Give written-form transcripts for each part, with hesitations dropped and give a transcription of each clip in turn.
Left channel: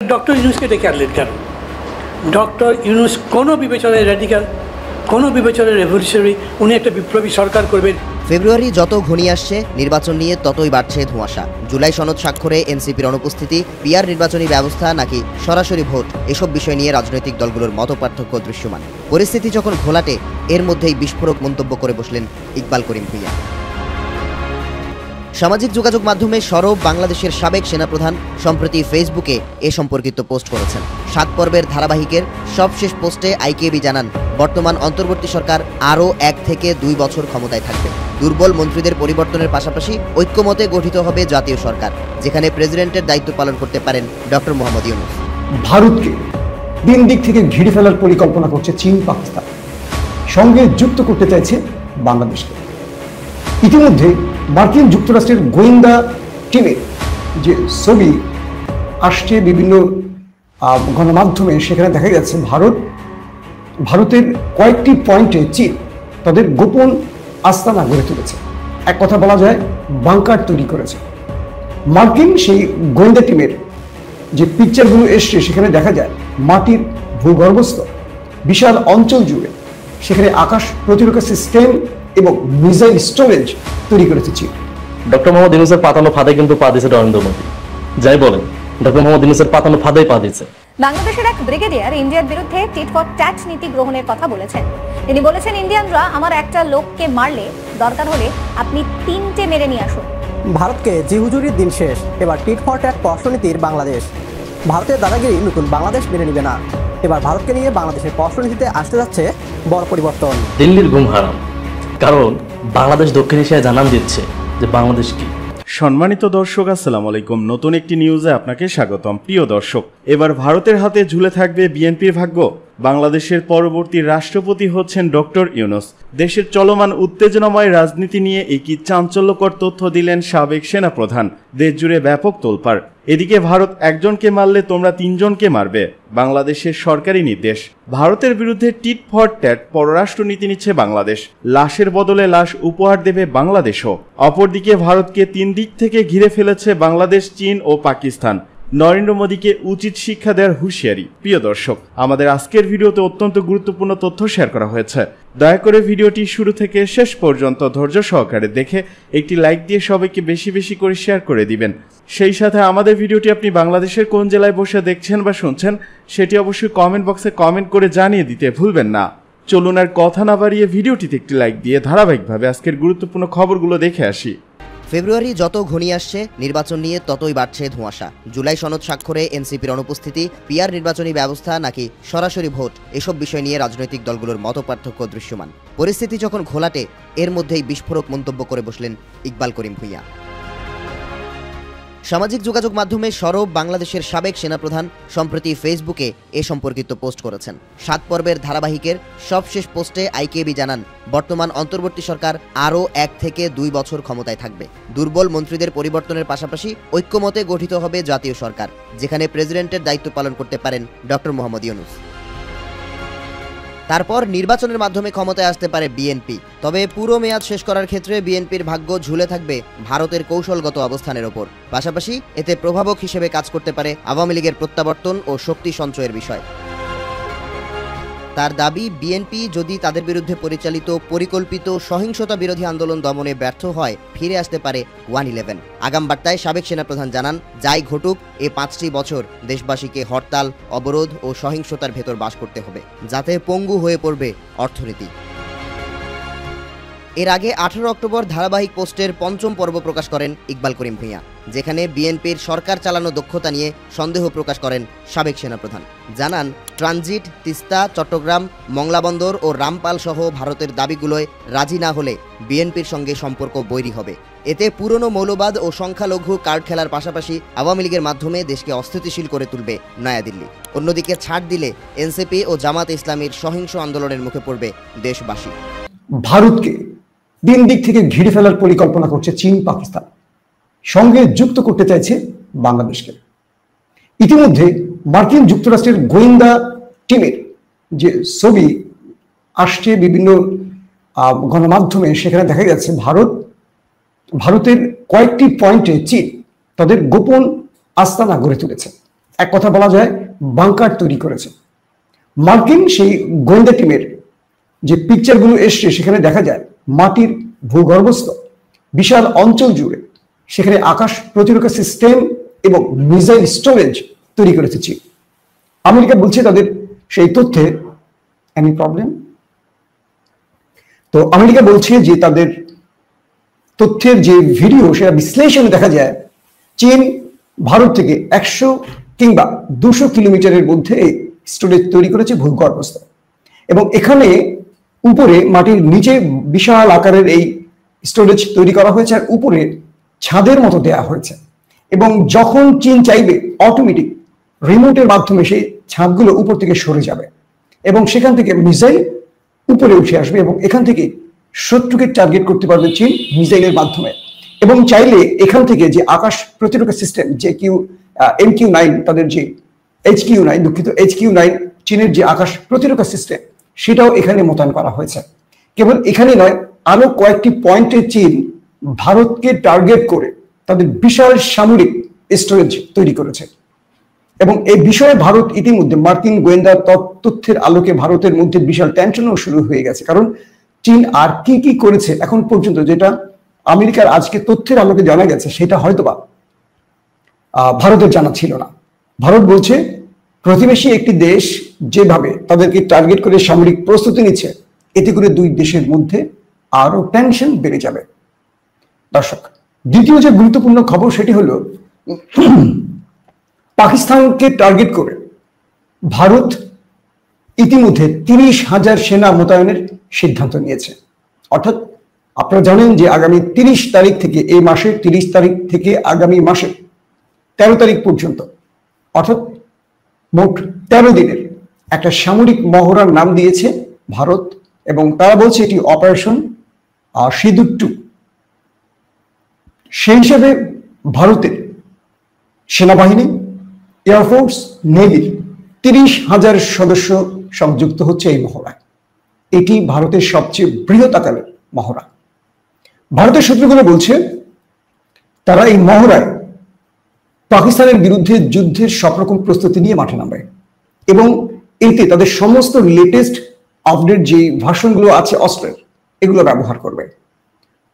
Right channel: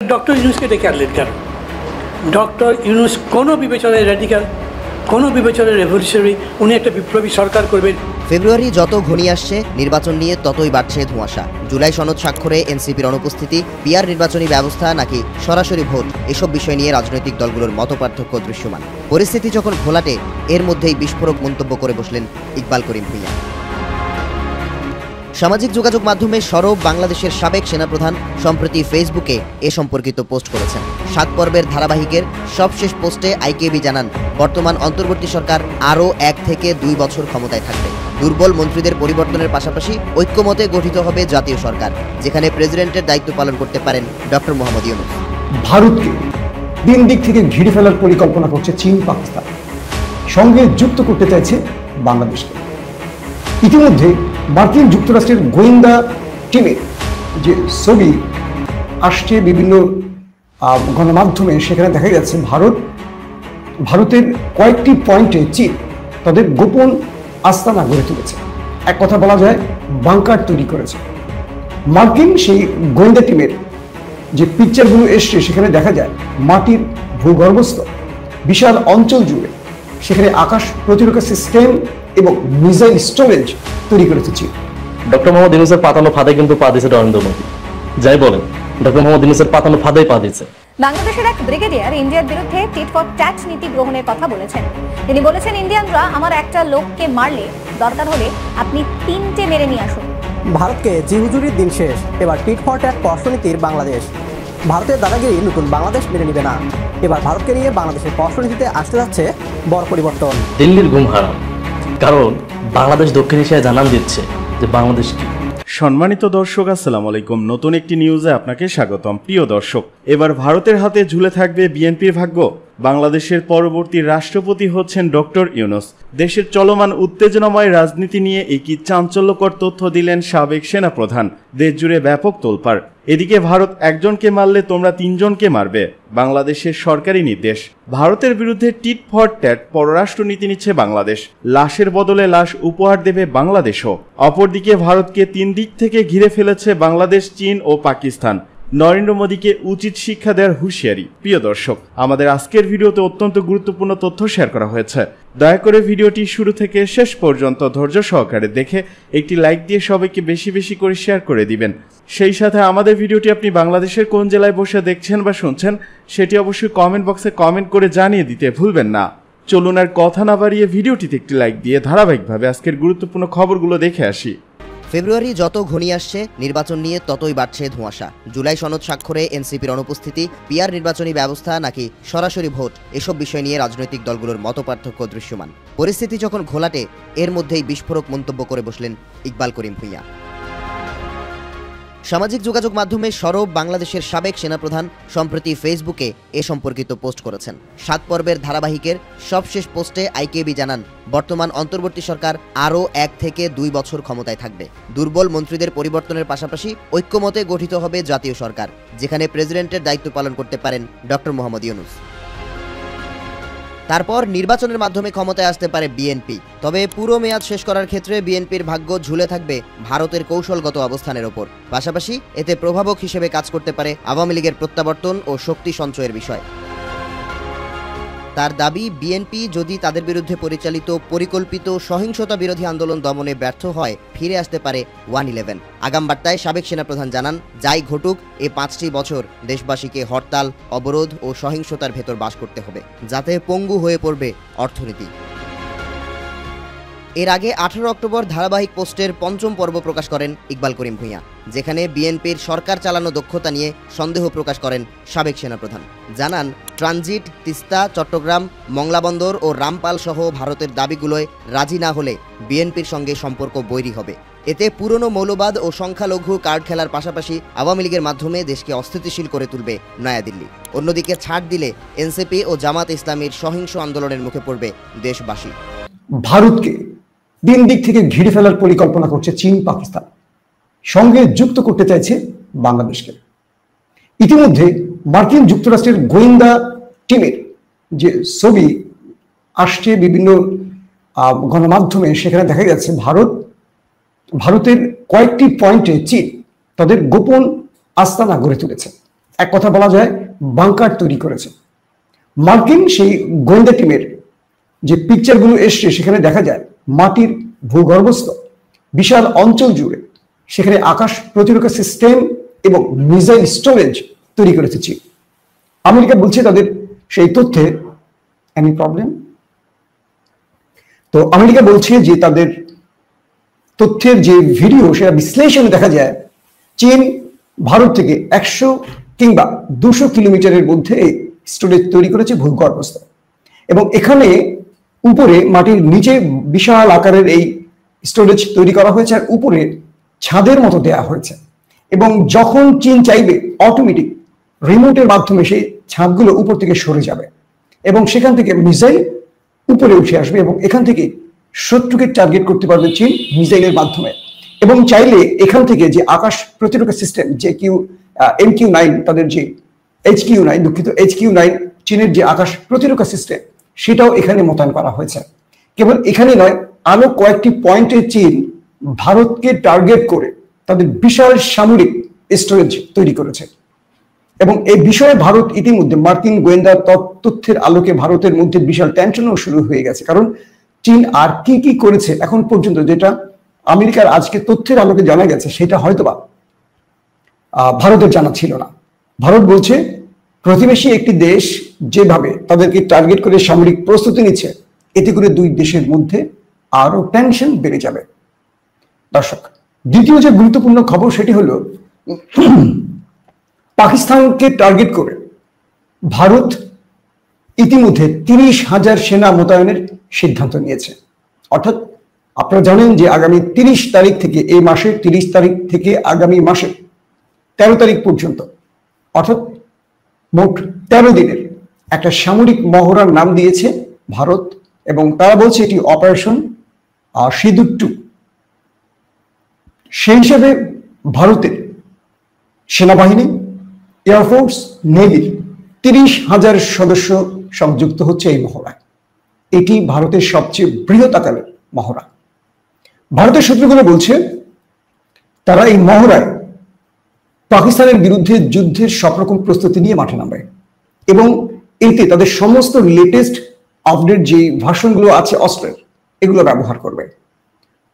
Doctor ইউনুসকে ডেকে আনলেন কেন? ডক্টর ইউনুস কোনো বিবেচনায় র্যাডিক্যাল, কোনো বিবেচনায় রেভলিউশনারি, উনি একটা বিপ্লবী সরকার করবেন। ফেব্রুয়ারি যত ঘনিয়ে আসছে, নির্বাচন নিয়ে ততই বাড়ছে ধোঁয়াশা। জুলাই সনদ স্বাক্ষরে এনসিপির অনুপস্থিতি, পিআর নির্বাচনী ব্যবস্থা নাকি সরাসরি ভোট, এসব বিষয় নিয়ে রাজনৈতিক দলগুলোর মতপার্থক্য দৃশ্যমান। পরিস্থিতি যখন ঘোলাটে, এর মধ্যেই বিস্ফোরক মন্তব্য করে বসলেন ইকবাল করিম ভূঁইয়া। সামাজিক যোগাযোগ মাধ্যমে সরব বাংলাদেশের সাবেক সেনাপ্রধান সম্প্রতি ফেসবুকে এ সম্পর্কিত পোস্ট করেছেন। 7 পর্বের ধারাবাহিকের সবশেষ পোস্টে আইকেবি জানান, বর্তমান অন্তর্বর্তী সরকার আরও 1 থেকে 2 বছর ক্ষমতায় থাকবে। দুর্বল মন্ত্রীদের পরিবর্তনের পাশাপাশি ঐক্যমতে গঠিত হবে জাতীয় সরকার, যেখানে প্রেসিডেন্টের দায়িত্ব পালন করতে পারেন ডক্টর মোহাম্মদ ইউনূস। ভারতকে তিন দিক থেকে ঘিরে ফেলার পরিকল্পনা করছে চীন, পাকিস্তান, সঙ্গে যুক্ত করতে চাইছে বাংলাদেশকে। ইতিমধ্যে মার্কিন যুক্তরাষ্ট্রের গোয়েন্দা টিমের যে ছবি আসছে বিভিন্ন গণমাধ্যমে, সেখানে দেখা যাচ্ছে ভারতের কয়েকটি পয়েন্টে চীন তাদের গোপন আস্তানা গড়ে তুলেছে। এক কথা বলা যায়, বাংকার তৈরি করেছে। মার্কিন সেই গোয়েন্দা টিমের যে পিকচারগুলো এসছে, সেখানে দেখা যায় মাটির ভূগর্ভস্থ বিশাল অঞ্চল জুড়ে সেখানে আকাশ প্রতিরক্ষা সিস্টেম এবং মিসাইল স্টোরেজ তৈরি করেছে চীন। ডক্টর মোহাম্মদ ইউনূসের পাতানো ফাঁদে কিন্তু পা দিয়েছে নরেন্দ্র মোদী। যাই বলেন, ডক্টর মোহাম্মদ ইউনূসের পাতানো ফাঁদেই পা দিয়েছে। বাংলাদেশের এক ব্রিগেডিয়ার ইন্ডিয়ার বিরুদ্ধে টিট ফর ট্যাট নীতি গ্রহণের কথা বলেছেন। তিনি বলেছেন, ইন্ডিয়ানরা আমার একটা লোককে মারলে দরকার হলে আপনি 3টে মেরে নিয়ে আসুন। ভারতকে জিহুজুরির দিন শেষ, এবার টিট ফর ট্যাট পররাষ্ট্রনীতির বাংলাদেশ। ভারতের দাদাগিরি নতুন বাংলাদেশ মেনে নিবে না। এবার ভারতকে নিয়ে বাংলাদেশের পররাষ্ট্রনীতিতে আসতে যাচ্ছে বড় পরিবর্তন। দিল্লির ঘুম হারাম, কারণ বাংলাদেশ দক্ষিণ এশিয়ায় জানান দিচ্ছে যে বাংলাদেশ কি। সম্মানিত দর্শক, আসসালামু আলাইকুম। নতুন একটি নিউজে আপনাকে স্বাগতম। প্রিয় দর্শক, এবার ভারতের হাতে ঝুলে থাকবে বিএনপির ভাগ্য। বাংলাদেশের পরবর্তী রাষ্ট্রপতি হচ্ছেন ডক্টর ইউনূস। দেশের চলমান উত্তেজনাময় রাজনীতি নিয়ে একই চাঞ্চল্যকর তথ্য দিলেন সাবেক সেনাপ্রধান। দেশ জুড়ে ব্যাপক তোলপাড়। এদিকে ভারত একজনকে মারলে তোমরা 3 জনকে মারবে, বাংলাদেশের সরকারি নির্দেশ। ভারতের বিরুদ্ধে টিট ফর ট্যাট পররাষ্ট্রনীতি নিচ্ছে বাংলাদেশ। লাশের বদলে লাশ উপহার দেবে বাংলাদেশও। অপরদিকে ভারতকে 3 দিক থেকে ঘিরে ফেলেছে বাংলাদেশ, চীন ও পাকিস্তান। নরেন্দ্র মোদীকে উচিত শিক্ষা দেওয়ার হুঁশিয়ারি। প্রিয় দর্শক, আমাদের আজকের ভিডিওতে অত্যন্ত গুরুত্বপূর্ণ তথ্য শেয়ার করা হয়েছে। দয়া করে ভিডিওটি শুরু থেকে শেষ পর্যন্ত ধৈর্য সহকারে দেখে একটি লাইক দিয়ে সবাইকে বেশি বেশি করে শেয়ার করে দিবেন। সেই সাথে আমাদের ভিডিওটি আপনি বাংলাদেশের কোন জেলায় বসে দেখছেন বা শুনছেন, সেটি অবশ্যই কমেন্ট বক্সে কমেন্ট করে জানিয়ে দিতে ভুলবেন না। চলুন আর কথা না বাড়িয়ে ভিডিওটিতে একটি লাইক দিয়ে ধারাবাহিকভাবে আজকের গুরুত্বপূর্ণ খবরগুলো দেখে আসি। ফেব্রুয়ারি যত ঘনিয়ে আসছে, নির্বাচন নিয়ে ততই বাড়ছে ধোঁয়াশা। জুলাই সনদ স্বাক্ষরে এনসিপির অনুপস্থিতি, পিআর নির্বাচনী ব্যবস্থা নাকি সরাসরি ভোট, এসব বিষয় নিয়ে রাজনৈতিক দলগুলোর মতপার্থক্য দৃশ্যমান। পরিস্থিতি যখন ঘোলাটে, এর মধ্যেই বিস্ফোরক মন্তব্য করে বসলেন ইকবাল করিম ভূঁইয়া। সামাজিক যোগাযোগ মাধ্যমে সরব বাংলাদেশের সাবেক সেনাপ্রধান সম্প্রতি ফেসবুকে এ সম্পর্কিত পোস্ট করেছেন। 7 পর্বের ধারাবাহিকের সবশেষ পোস্টে আইকেবি জানান, বর্তমান অন্তর্বর্তী সরকার আরও 1 থেকে 2 বছর ক্ষমতায় থাকবে। দুর্বল মন্ত্রীদের পরিবর্তনের পাশাপাশি ঐক্যমতে গঠিত হবে জাতীয় সরকার, যেখানে প্রেসিডেন্টের দায়িত্ব পালন করতে পারেন ডক্টর মোহাম্মদ ইউনূস। তারপর নির্বাচনের মাধ্যমে ক্ষমতায় আসতে পারে বিএনপি। তবে পুরো মেয়াদ শেষ করার ক্ষেত্রে বিএনপির ভাগ্য ঝুলে থাকবে ভারতের কৌশলগত অবস্থানের উপর। পাশাপাশি এতে প্রভাবক হিসেবে কাজ করতে পারে আওয়ামী লীগের প্রত্যাবর্তন ও শক্তি সঞ্চয়ের বিষয়। তার দাবি, বিএনপি যদি তাদের বিরুদ্ধে পরিচালিত পরিকল্পিত সহিংসতা বিরোধী আন্দোলন দমনে ব্যর্থ হয়, ফিরে আসতে পারে 111। আগাম বার্তায় সাবেক সেনাপ্রধান জানান, যাই ঘটুক, এ 5টি বছর দেশবাসীকে হরতাল, অবরোধ ও সহিংসতার ভেতর বাস করতে হবে, যাতে পঙ্গু হয়ে পড়বে অর্থনীতি। এর আগে 18 অক্টোবর ধারাবাহিক পোস্টের 5ম পর্ব প্রকাশ করেন ইকবাল করিম ভূঁইয়া, যেখানে বিএনপির সরকার চালানো দক্ষতা নিয়ে সন্দেহ প্রকাশ করেন সাবেক সেনাপ্রধান। জানান, ট্রানজিট, তিস্তা, চট্টগ্রাম, মংলা বন্দর ও রামপাল সহ ভারতের দাবিগুলোয় রাজি না হলে বিএনপির সঙ্গে সম্পর্ক বৈরী হবে। এতে পুরনো মৌলবাদ ও সংখ্যালঘু কার্ড খেলার পাশাপাশি আওয়ামী লীগের মাধ্যমে দেশকে অস্থিতিশীল করে তুলবে নয়াদিল্লি। অন্যদিকে ছাড় দিলে এনসিপি ও জামাত ইসলামীর সহিংস আন্দোলনের মুখে পড়বে দেশবাসী। ভারতকে 3 দিক থেকে ঘিরে ফেলার পরিকল্পনা করছে চীন, পাকিস্তান, সঙ্গে যুক্ত করতে চাইছে বাংলাদেশকে। ইতিমধ্যে মার্কিন যুক্তরাষ্ট্রের গোয়েন্দা টিমের যে ছবি আসছে বিভিন্ন গণমাধ্যমে, সেখানে দেখা যাচ্ছে ভারতের কয়েকটি পয়েন্টে চীন তাদের গোপন আস্তানা গড়ে তুলেছে। এক কথা বলা যায় বাংকার তৈরি করেছে। মার্কিন সেই গোয়েন্দা টিমের যে পিকচারগুলো এসছে সেখানে দেখা যায় মাটির ভূগর্ভস্থ বিশাল অঞ্চল জুড়ে সেখানে আকাশ প্রতিরক্ষা সিস্টেম এবং মিসাইল স্টোরেজ তৈরি করেছে চীন। আমেরিকা বলছে তাদের সেই তথ্যে এনি প্রবলেম। তো আমেরিকা বলছে যে তাদের তথ্যের যে ভিডিও সেটা বিশ্লেষণে দেখা যায় চীন ভারত থেকে 100 কিংবা 200 কিলোমিটারের মধ্যে স্টোরেজ তৈরি করেছে ভূগর্ভস্থ, এবং এখানে উপরে মাটির নিচে বিশাল আকারের এই স্টোরেজ তৈরি করা হয়েছে আর উপরে ছাদের মতো দেয়া হয়েছে, এবং যখন চীন চাইবে অটোমেটিক রিমোটের মাধ্যমে সেই ছাদগুলো উপর থেকে সরে যাবে এবং সেখান থেকে মিসাইল উপরে উঠে আসবে এবং এখান থেকে শত্রুকে টার্গেট করতে পারবে চীন মিসাইলের মাধ্যমে। এবং চাইলে এখান থেকে যে আকাশ প্রতিরক্ষা সিস্টেম যে MQ-9 তাদের যে HQ-9 দুঃখিত HQ-9 চীনের যে আকাশ প্রতিরক্ষা সিস্টেম সেটাও এখানে মোতায়েন করা হয়েছে। কেবল এখানে নয়, আরো কয়েকটি পয়েন্টে চীন ভারতকে টার্গেট করে তাদের বিশাল সামরিক স্টোরেজ তৈরি করেছে, এবং এই বিষয়ে ভারত ইতিমধ্যে মার্কিন গোয়েন্দা তথ্যের আলোকে ভারতের মধ্যে বিশাল টেনশনও শুরু হয়ে গেছে। কারণ চীন আর কি কি করেছে এখন পর্যন্ত যেটা আমেরিকার আজকে তথ্যের আলোকে জানা গেছে সেটা হয়তোবা ভারতের জানা ছিল না। ভারত বলছে প্রতিবেশী একটি দেশ যেভাবে তাদেরকে টার্গেট করে সামরিক প্রস্তুতি নিচ্ছে এতে করে দুই দেশের মধ্যে আরো টেনশন বেড়ে যাবে। দর্শক, দ্বিতীয় যে গুরুত্বপূর্ণ খবর সেটি হলো পাকিস্তানকে টার্গেট করে ভারত ইতিমধ্যে 30,000 সেনা মোতায়েনের সিদ্ধান্ত নিয়েছে। অর্থাৎ আপনারা জানেন যে আগামী 30 তারিখ থেকে এই মাসের 30 তারিখ থেকে আগামী মাসের 13 তারিখ পর্যন্ত অর্থাৎ মোট 13 দিনের একটা সামরিক মহড়ার নাম দিয়েছে ভারত, এবং তারা বলছে এটি অপারেশন সিঁদুর 2। সেই হিসাবে ভারতের সেনাবাহিনী, এয়ারফোর্স, নেভির 30,000 সদস্য সংযুক্ত হচ্ছে এই মহড়ায়। এটি ভারতের সবচেয়ে বৃহৎ আকারের মহড়া। ভারতের সূত্রগুলো বলছে তারা এই মহড়ায় পাকিস্তানের বিরুদ্ধে যুদ্ধের সব রকম প্রস্তুতি নিয়ে মাঠে নামবে, এবং এতে তাদের সমস্ত লেটেস্ট আপডেট যে ভার্সনগুলো আছে অস্ত্রের এগুলো ব্যবহার করবে।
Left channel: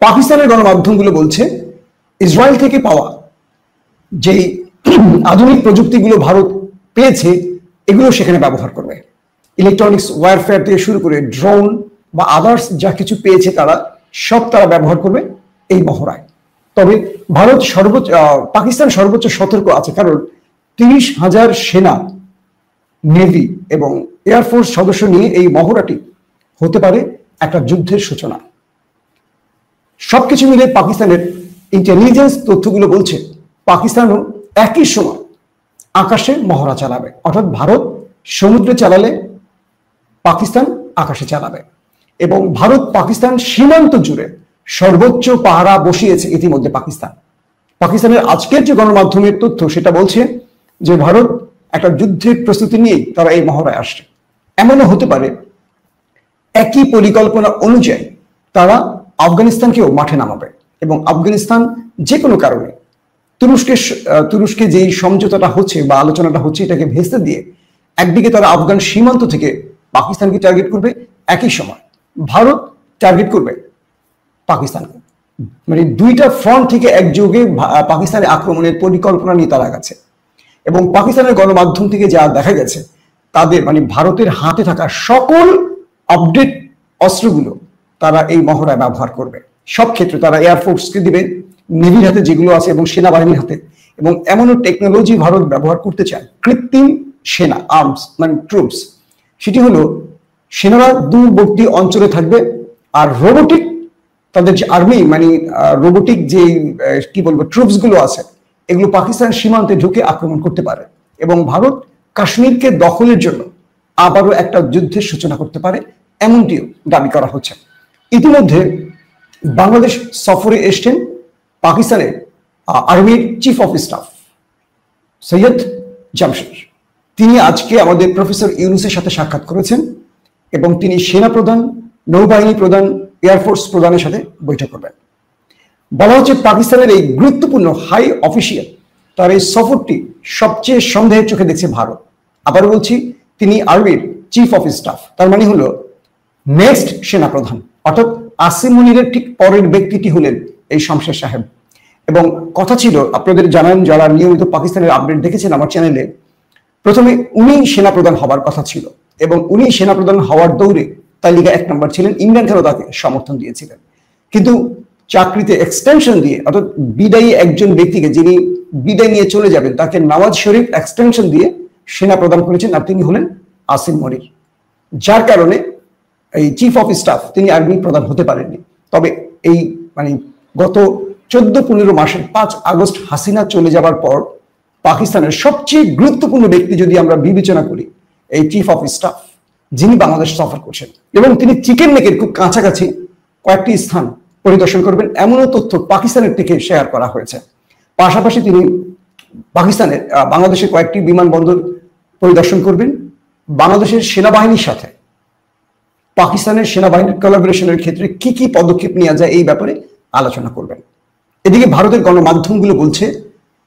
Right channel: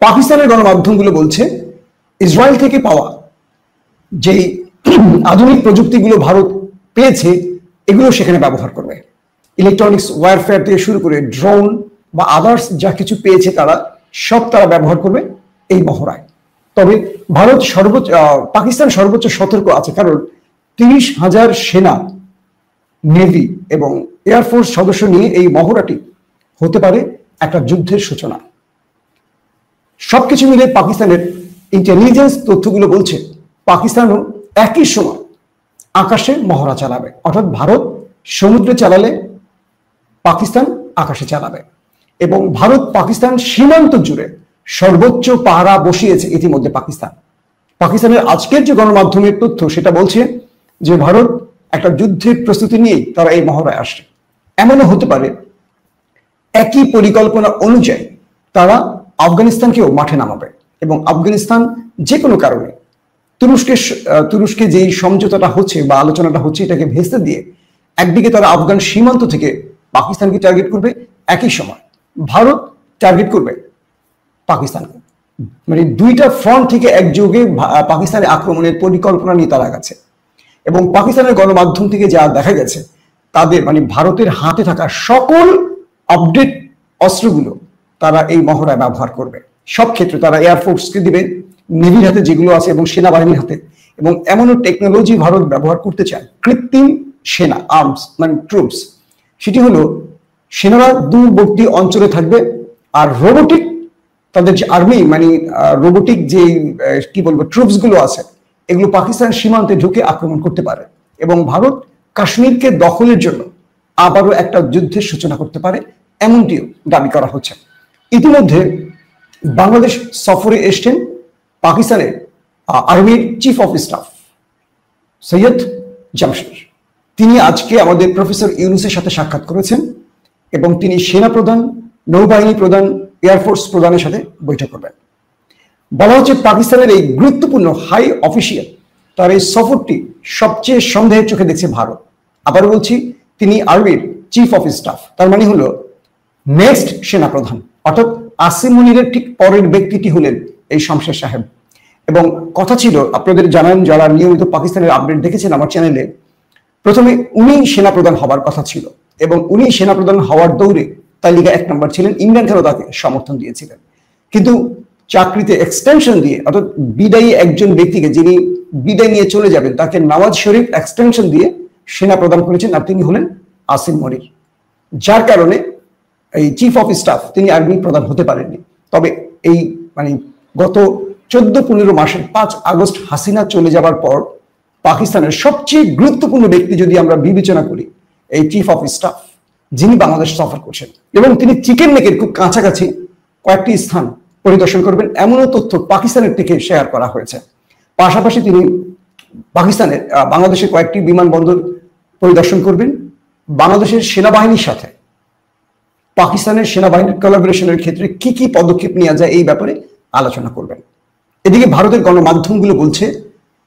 পাকিস্তানের গণমাধ্যমগুলো বলছে ইসরায়েল থেকে পাওয়া যেই আধুনিক প্রযুক্তিগুলো ভারত পেয়েছে এগুলো সেখানে ব্যবহার করবে। ইলেকট্রনিক্স ওয়ারফেয়ার থেকে শুরু করে ড্রোন বা আদার্স যা কিছু পেয়েছে তারা ব্যবহার করবে এই মহড়ায়। তবে ভারত পাকিস্তান সর্বোচ্চ সতর্ক আছে, কারণ 30,000 সেনা, নেভি এবং এয়ারফোর্স সদস্য নিয়ে এই মহড়াটি হতে পারে একটা যুদ্ধের সূচনা। সবকিছু মিলে পাকিস্তানের ইন্টেলিজেন্স তথ্যগুলো বলছে পাকিস্তানও একই সময় আকাশে মহড়া চালাবে, অর্থাৎ ভারত সমুদ্রে চালালে পাকিস্তান আকাশে চালাবে, এবং ভারত পাকিস্তান সীমান্ত জুড়ে সর্বোচ্চ পাহারা বসিয়েছে ইতিমধ্যে পাকিস্তানের আজকের যে গণমাধ্যমের তথ্য সেটা বলছে যে ভারত একটা যুদ্ধের প্রস্তুতি নিয়ে তারা এই মহড়ায় আসছে। এমনও হতে পারে একই পরিকল্পনা অনুযায়ী তারা আফগানিস্তানকেও মাঠে নামাবে, এবং আফগানিস্তান যে কোনো কারণে তুরস্কে যেই সমঝোতাটা হচ্ছে বা আলোচনাটা হচ্ছে এটাকে ভেস্তে দিয়ে একদিকে তারা আফগান সীমান্ত থেকে পাকিস্তানকে টার্গেট করবে, একই সময় ভারত টার্গেট করবে পাকিস্তানকে। মানে দুইটা ফ্রন্ট থেকে একযোগে পাকিস্তানের আক্রমণের পরিকল্পনা নিয়ে তারা গেছে, এবং পাকিস্তানের গণমাধ্যম থেকে যা দেখা গেছে তাদের ভারতের হাতে থাকা সকল আপডেট অস্ত্রগুলো তারা এই মহড়ায় ব্যবহার করবে। সব ক্ষেত্রে তারা এয়ারফোর্সকে দিবে, নেভির হাতে যেগুলো আছে এবং সেনাবাহিনীর হাতে, এবং এমনও টেকনোলজি ভারত ব্যবহার করতে চায় কৃত্রিম সেনা আর্মস ট্রুপস। সেটি হলো সেনারা দূরবর্তী অঞ্চলে থাকবে আর রোবোটিক তাদের যে আর্মি রোবোটিক যে কি বলবো ট্রুপস গুলো আছে এগুলো পাকিস্তান সীমান্তে ঢুকে আক্রমণ করতে পারে, এবং ভারত কাশ্মীরকে দখলের জন্য আবারও একটা যুদ্ধের সূচনা করতে পারে এমনটিও দাবি করা হচ্ছে। ইতিমধ্যে বাংলাদেশ সফরে এসছেন পাকিস্তানের আর্মির chief of staff Syed Jamshed. তিনি আজকে আমাদের প্রফেসর ইউনূসের সাথে সাক্ষাৎ করেছেন, এবং তিনি সেনা প্রধান, নৌবাহিনী প্রধান, এয়ারফোর্স প্রধানের সাথে বৈঠক করবেন। বলা হচ্ছে পাকিস্তানের এই গুরুত্বপূর্ণ হাই অফিসিয়াল তার এই সফরটি সবচেয়ে সন্দেহের চোখে দেখছে ভারত। আবার বলছি, তিনি আর্মির চিফ অফ স্টাফ, তার মানে হলো নেক্সট সেনাপ্রধান, অর্থাৎ আসিম মনিরের ঠিক পরের ব্যক্তিটি হলেন এই শমশের সাহেব। এবং কথা ছিল, আপনাদের জানান যারা নিয়মিত পাকিস্তানের আপডেট দেখেছেন আমার চ্যানেলে, প্রথমে উনি সেনাপ্রধান হবার কথা ছিল এবং উনি সেনাপ্রধান হওয়ার দৌড়ে তালিকা 1 নম্বর ছিলেন। ইমরান খানও তাকে সমর্থন দিয়েছিলেন, কিন্তু চাকরিতে এক্সটেনশন দিয়ে, অর্থাৎ বিদায়ী একজন ব্যক্তিকে যিনি বিদায় নিয়ে চলে যাবেন তাকে নওয়াজ শরীফ এক্সটেনশন দিয়ে সেনাপ্রধান করেছেন, আর তিনি হলেন আসিম মনির। যার কারণে এই চিফ অফ স্টাফ তিনি আর্মি প্রধান হতে পারেননি। তবে এই গত 14-15 মাসের 5 আগস্ট হাসিনা চলে যাবার পর পাকিস্তানের সবচেয়ে গুরুত্বপূর্ণ ব্যক্তি যদি আমরা বিবেচনা করি, এই চিফ অফ স্টাফ, যিনি বাংলাদেশ সফর করছেন এবং তিনি চিকেন নেকের খুব কাছাকাছি কয়েকটি স্থান পরিদর্শন করবেন, এমনও তথ্য পাকিস্তানের থেকে শেয়ার করা হয়েছে। পাশাপাশি তিনি বাংলাদেশের কয়েকটি বিমানবন্দর পরিদর্শন করবেন, বাংলাদেশের সেনাবাহিনীর সাথে পাকিস্তানের সেনাবাহিনীর কোলাবোরেশনের ক্ষেত্রে কি কি পদক্ষেপ নেওয়া যায় এই ব্যাপারে আলোচনা করবেন। এদিকে ভারতের গণমাধ্যমগুলো বলছে,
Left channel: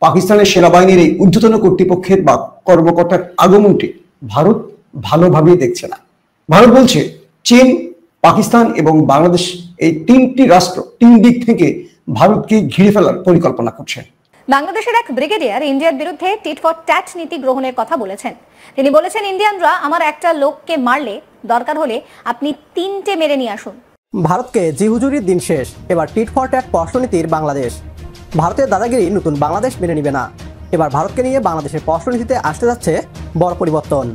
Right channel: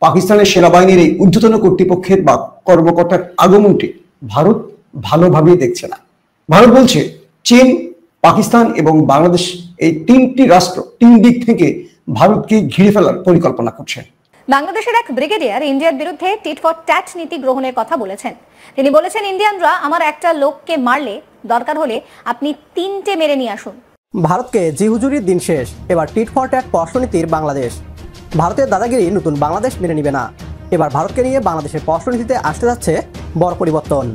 পাকিস্তানের সেনাবাহিনীর এই ঊর্ধ্বতন কর্তৃপক্ষের বা কর্মকর্তার আগমনটি ভারত ভালোভাবে দেখছে না। ভারত বলছে চীন, পাকিস্তান এবং বাংলাদেশ এই 3টি রাষ্ট্র 3 দিক থেকে ভারতকে ঘিরে ফেলার পরিকল্পনা করছে। বাংলাদেশের এক ব্রিগেডিয়ার ইন্ডিয়ার বিরুদ্ধে টিট ফর ট্যাট নীতি গ্রহণের কথা বলেছেন। তিনি বলেছেন, ইন্ডিয়ানরা আমার একটা লোককে মারলে দরকার হলে আপনি 3টে মেরে নিয়ে আসুন। ভারতকে জি হুজুরির দিন শেষ, এবার টিট ফর ট্যাট পররাষ্ট্রনীতির বাংলাদেশ। ভারতীয় দাদাগিরি নতুন বাংলাদেশ মেনে নিবে না। এবার ভারতকে নিয়ে বাংলাদেশের পররাষ্ট্রনীতিতে আসতে যাচ্ছে বড় পরিবর্তন।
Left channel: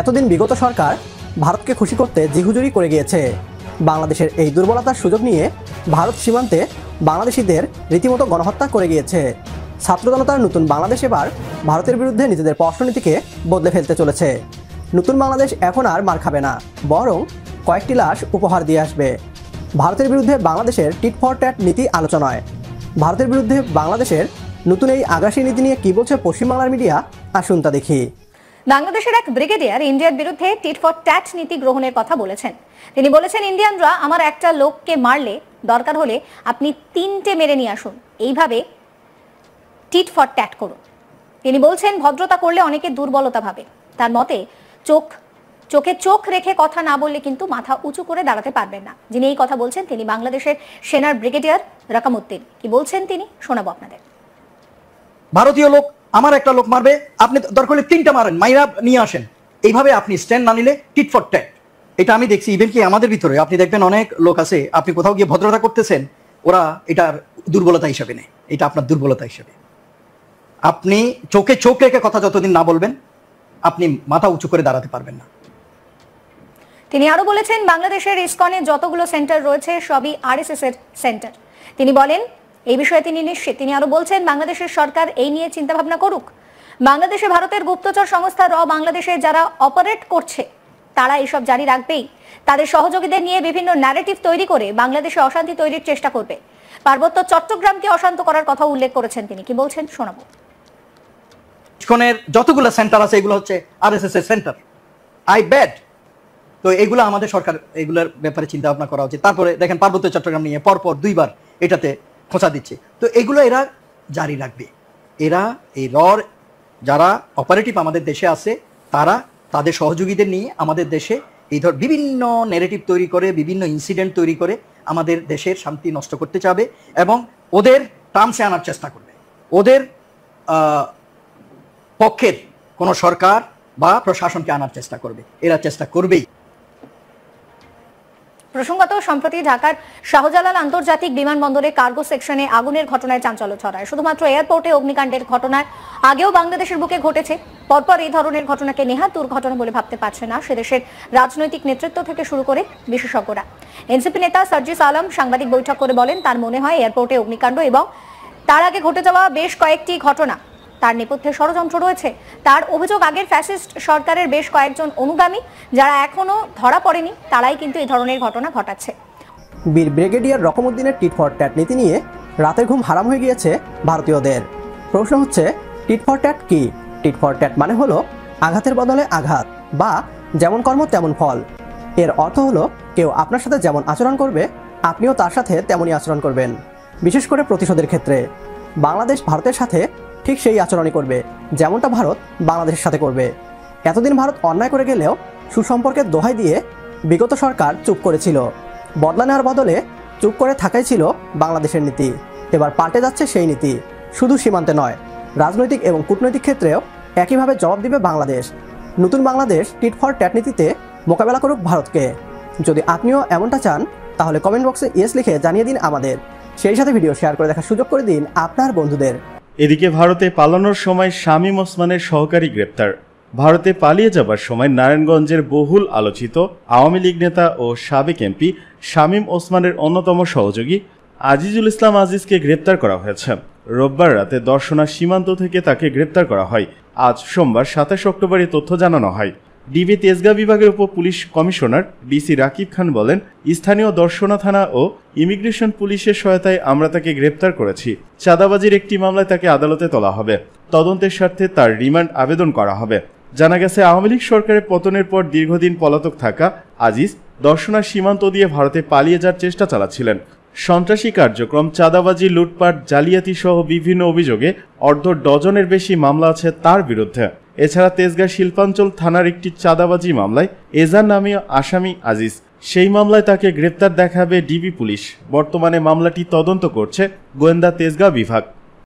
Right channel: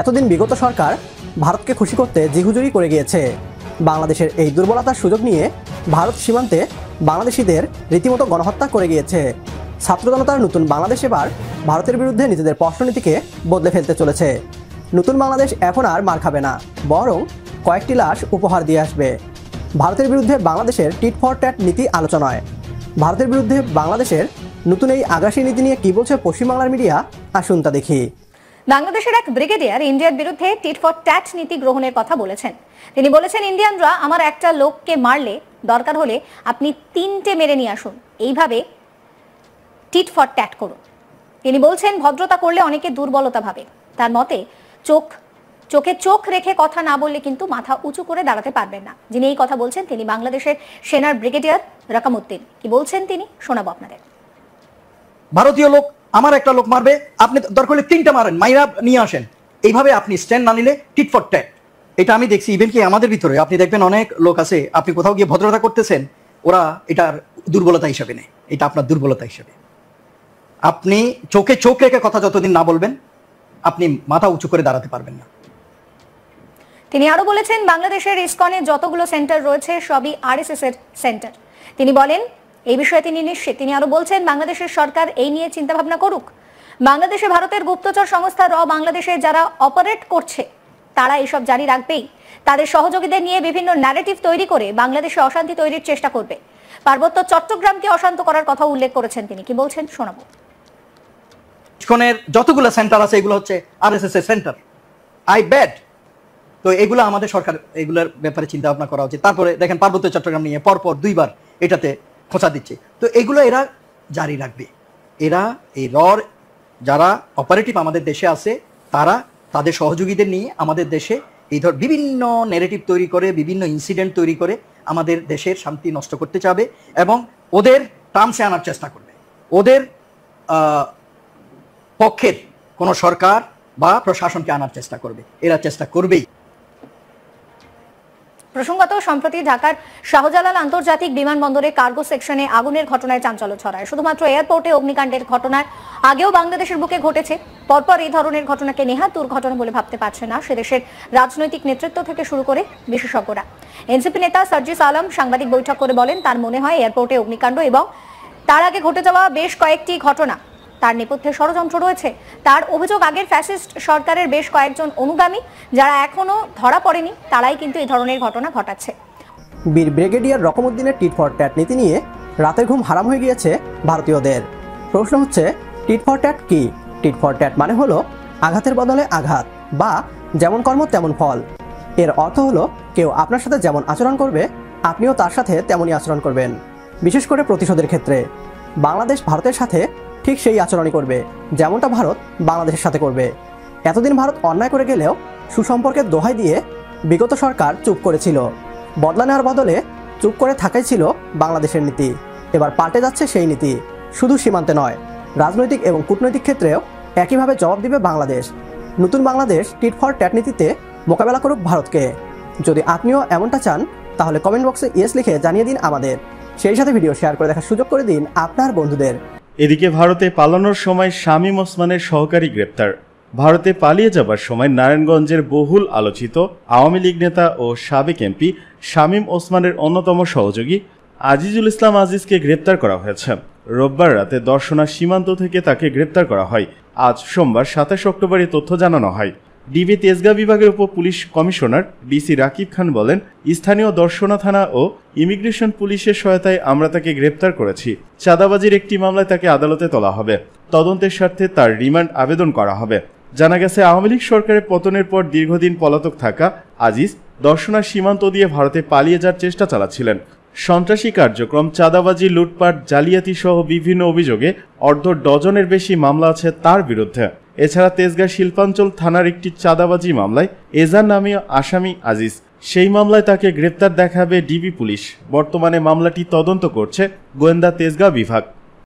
এতদিন বিগত সরকার ভারতকে খুশি করতে জি হুজুরি করে গিয়েছে। বাংলাদেশের এই দুর্বলতার সুযোগ নিয়ে ভারত সীমান্তে বাংলাদেশিদের রীতিমতো গণহত্যা করে গিয়েছে। ছাত্র জনতার নতুন বাংলাদেশ এবার ভারতের বিরুদ্ধে নিজেদের পররাষ্ট্রনীতিকে বদলে ফেলতে চলেছে। নতুন বাংলাদেশ এখন আর মার খাবে না, বরং কয়েকটি লাশ উপহার দিয়ে আসবে। ভারতের বিরুদ্ধে বাংলাদেশের টিট ফর ট্যাট নীতি আলোচনায়। ভারতের বিরুদ্ধে বাংলাদেশের নতুন এই আগ্রাসী নীতি নিয়ে কি বলছে পশ্চিমবাংলার মিডিয়া, আসুন তা দেখি। বাংলাদেশের এক ব্রিগেডিয়ার ইন্ডিয়ার বিরুদ্ধে টিট ফর ট্যাট নীতি গ্রহণের কথা বলেছেন। তিনি বলেছেন, ইন্ডিয়ানরা আমার একটা লোককে মারলে দরকার হলে আপনি 3টে মেরে নিয়ে আসুন, এইভাবে টিট ফর ট্যাট করুন। তিনি বলছেন, ভদ্রতা করলে অনেকে দুর্বলতা ভাবে। তার মতে চোখে চোখ রেখে কথা না বললে কিন্তু মাথা উঁচু করে দাঁড়াতে পারবেন না। যিনি এই কথা বলছেন তিনি বাংলাদেশের সেনার ব্রিগেডিয়ার রাকামউদ্দিন। কি বলছেন তিনি শোনাবো আপনাদের। ভারতীয় লোক আমার একটা লোক মারবে, আপনি দরকার হলে 3টা মারেন, মাইরা নিয়ে আসেন। এইভাবে আপনি স্ট্যান্ড না নিলে টিট ফর ট্যাট। এটা আমি দেখছি, ইভেন কি আমাদের ভিতরে আপনি দেখবেন অনেক লোক আছে, আপনি কোথাও গিয়ে ভদ্রতা করতেছেন, ওরা এটার দুর্বলতা হিসাবে নেয়। এটা আপনার দুর্বলতা হিসাবে। আপনি চোখে চোখ রেখে কথা যতদিন না বলবেন, আপনি মাথা উঁচু করে দাঁড়াতে পারবেন না। তিনি আরো বলেছেন, বাংলাদেশের ইসকনে যতগুলো সেন্টার রয়েছে সবই আরএসএস এর সেন্টার। তিনি বলেন, এই বিষয়ে তিনি নিশ্চিত। তিনি আরো বলছেন, বাংলাদেশের সরকার এই নিয়ে চিন্তা ভাবনা করুক। বাংলাদেশে ভারতের গুপ্তচর সংস্থা বাংলাদেশে যারা অপারেট করছে তারা এইসব জারি রাখবেই। তাদের সহযোগীদের নিয়ে বিভিন্ন ন্যারেটিভ তৈরি করে বাংলাদেশে অশান্তি তৈরির চেষ্টা করবে। পার্বত্য চট্টগ্রামকে অশান্ত করার কথা উল্লেখ করেছেন তিনি। কি বলছেন শোনাবো। ইসকনের যতগুলো সেন্টার আছে এগুলো হচ্ছে আরএসএস এর সেন্টার। I bad. তো এগুলো আমাদের সরকার এগুলোর ব্যাপারে চিন্তা ভাবনা করা উচিত। তারপরে দেখেন পার্বত্য চট্টগ্রাম নিয়ে পরপর 2বার এটাতে খোঁচা দিচ্ছে। তো এগুলো এরা জারি রাখবে। এরা এই যারা অপারেটিভ আমাদের দেশে আছে তারা তাদের সহযোগীদের নিয়ে আমাদের দেশে এই বিভিন্ন ন্যারেটিভ তৈরি করে, বিভিন্ন ইনসিডেন্ট তৈরি করে আমাদের দেশের শান্তি নষ্ট করতে চাবে এবং ওদের টার্মসে আনার চেষ্টা করবে। ওদের পক্ষের কোন সরকার বা প্রশাসনকে আনার চেষ্টা করবে। এরা চেষ্টা করবেই। প্রসঙ্গত, সম্প্রতি ঢাকার শাহজালাল আন্তর্জাতিক বিমানবন্দরের কার্গো সেকশনে আগুনের ঘটনায় চাঞ্চল্য ছড়ায়। শুধুমাত্র এয়ারপোর্টে অগ্নিকাণ্ডের ঘটনায় আগেও বাংলাদেশের বুকে ঘটেছে। পরপর এই ধরনের ঘটনাকে নেহাত দুর্ঘটনা বলে ভাবতে পারছে না সেদেশের রাজনৈতিক নেতৃত্ব থেকে শুরু করে বিশেষজ্ঞরা। এনসিপি নেতা সার্জিস আলম সাংবাদিক বৈঠক করে বলেন, তার মনে হয় এয়ারপোর্টে অগ্নিকাণ্ড এবং তার আগে ঘটে যাওয়া বেশ কয়েকটি ঘটনা তার নেপথ্যে ষড়যন্ত্র রয়েছে। তার অভিযোগ, আগের ফ্যাসিস্ট সরকারের বেশ কয়েকজন অনুগামী যারা এখনো ধরা পড়েনি তারাই কিন্তু এই ধরনের ঘটনা ঘটাচ্ছে। বীর ব্রিগেডিয়ার রাকামউদ্দিনের টিট ফর ট্যাট নীতি নিয়ে রাতের ঘুম হারাম হয়ে গিয়েছে ভারতীয়দের। প্রশ্ন হচ্ছে, টিট ফর ট্যাট কি? টিট ফর ট্যাট মানে হলো আঘাতের বদলে আঘাত বা যেমন কর্ম তেমন ফল। এর অর্থ হলো কেউ আপনার সাথে যেমন আচরণ করবে আপনিও তার সাথে তেমনই আচরণ করবেন, বিশেষ করে প্রতিশোধের ক্ষেত্রে। বাংলাদেশ ভারতের সাথে ঠিক সেই আচরণই করবে, যেমনটা ভারত বাংলাদেশের সাথে করবে। এতদিন ভারত অন্যায় করে গেলেও সুসম্পর্কের দোহাই দিয়ে বিগত সরকার চুপ করেছিল। বদলা নেওয়ার বদলে চুপ করে থাকাই ছিল বাংলাদেশের নীতি। এবার পাল্টে যাচ্ছে সেই নীতি। শুধু সীমান্তে নয়, রাজনৈতিক এবং কূটনৈতিক ক্ষেত্রেও একইভাবে জবাব দেবে বাংলাদেশ। নতুন বাংলাদেশ টিট ফর ট্যাট নীতিতে মোকাবেলা করুক ভারতকে। যদি আপনিও এমনটা চান তাহলে কমেন্ট বক্সে ইয়েস লিখে জানিয়ে দিন আমাদের। সেই সাথে ভিডিও শেয়ার করে দেখার সুযোগ করে দিন আপনার বন্ধুদের। এদিকে ভারতে পালানোর সময় শামীম ওসমানের সহকারী গ্রেপ্তার। ভারতে পালিয়ে যাবার সময় নারায়ণগঞ্জের বহুল আলোচিত আওয়ামী লীগ নেতা ও সাবেক এমপি শামীম ওসমানের অন্যতম সহযোগী আজিজুল ইসলাম আজিজকে গ্রেপ্তার করা হয়েছে। রোববার রাতে দর্শনা সীমান্ত থেকে তাকে গ্রেপ্তার করা হয়। আজ সোমবার 27 অক্টোবর এই তথ্য জানানো হয়। ডিবি তেজগাঁ বিভাগের উপ পুলিশ কমিশনার ডিসি রাকিব খান বলেন, স্থানীয় দর্শনা থানা ও ইমিগ্রেশন পুলিশের সহায়তায় আমরা তাকে গ্রেপ্তার করেছি। চাঁদাবাজির একটি মামলায় তাকে আদালতে তোলা হবে। তদন্তের স্বার্থে তার রিমান্ড আবেদন করা হবে। জানা গেছে, আওয়ামী লীগ সরকারের পতনের পর দীর্ঘদিন পলাতক থাকা আজিজ দর্শনা সীমান্ত দিয়ে ভারতে পালিয়ে যাওয়ার চেষ্টা চালাচ্ছিলেন। সন্ত্রাসী কার্যক্রম, চাঁদাবাজি, লুটপাট, জালিয়াতি সহ বিভিন্ন অভিযোগে অর্ধ ডজনের বেশি মামলা আছে তার বিরুদ্ধে। এছাড়া তেজগাঁ শিল্পাঞ্চল থানার একটি চাঁদাবাজি মামলায় এজান নামীয় আসামি আজিজ। সেই মামলায় তাকে গ্রেপ্তার দেখাবে ডিবি পুলিশ। বর্তমানে মামলাটি তদন্ত করছে গোয়েন্দা তেজগাঁ বিভাগ।